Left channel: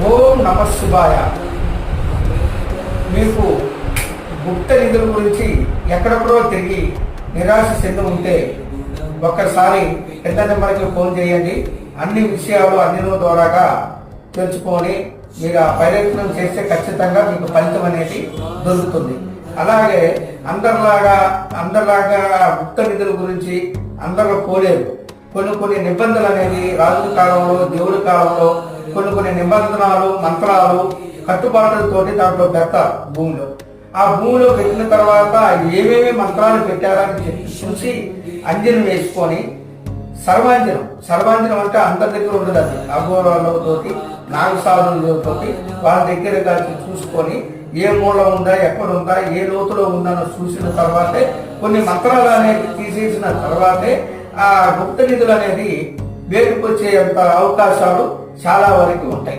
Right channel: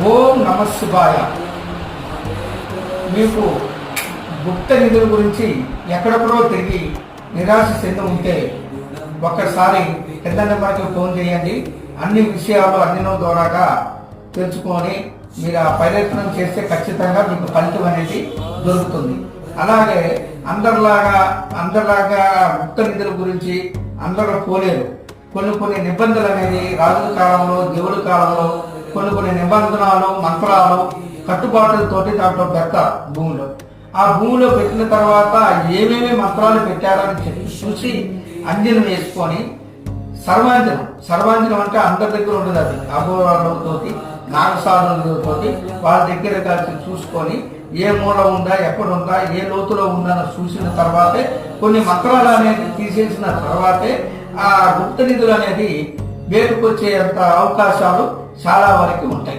ఓం నమ శివాయ. మీకు గుప్త నిధుల గురించి ఎక్కడెక్కడో తిరిగి నిరాశ చెంది ఉంటే ఒక్కసారి పెద్ద నెంబర్కి ఫోన్ చేయండి. అన్ని విషయాలు అన్ని ద్వారాగా తెలుసుకొని మీరు ఆ ప్రయత్నం చేస్తే ఖచ్చితంగా మీకు ఫలితం అనేది దొరుకుతుంది. అలాగే అందరిలాగా గుప్త నిధుల గురించి అందరూ పోలేరు. కొన్ని నిబంధనలు అనేది రాజుల కాలంలో, దేవుడి కాలంలో కొన్ని నిబంధనలు, మంత్రాలు, కట్టుబాట్లతోటి దాంట్లో పెడతారు భూమిలో. ఆ భూమిలో పెట్టిన తర్వాత ఏమేమి మంత్రాలు పెట్టారని చెప్పి చూసి అంజనం వేసుకొని సర్వాంజనం అంటే అందరి దగ్గర ఉండదు. అది అఘోరాలతోటి, నాగసాధులతోటి వాళ్ళ దగ్గర కలిసి చూసుకొని ఏ మూల ఉందా, ఎక్కడ ఉందా, ఏ లోతులో ఉందని చూసిన తర్వాతే కొన్ని మంత్రాలు అనేది తీసేసిన తర్వాతే ఆ గుప్త నిధులు అనేది వేటుకొచ్చేంత అవకాశాలు చాలా వరకు ఉంటాయి.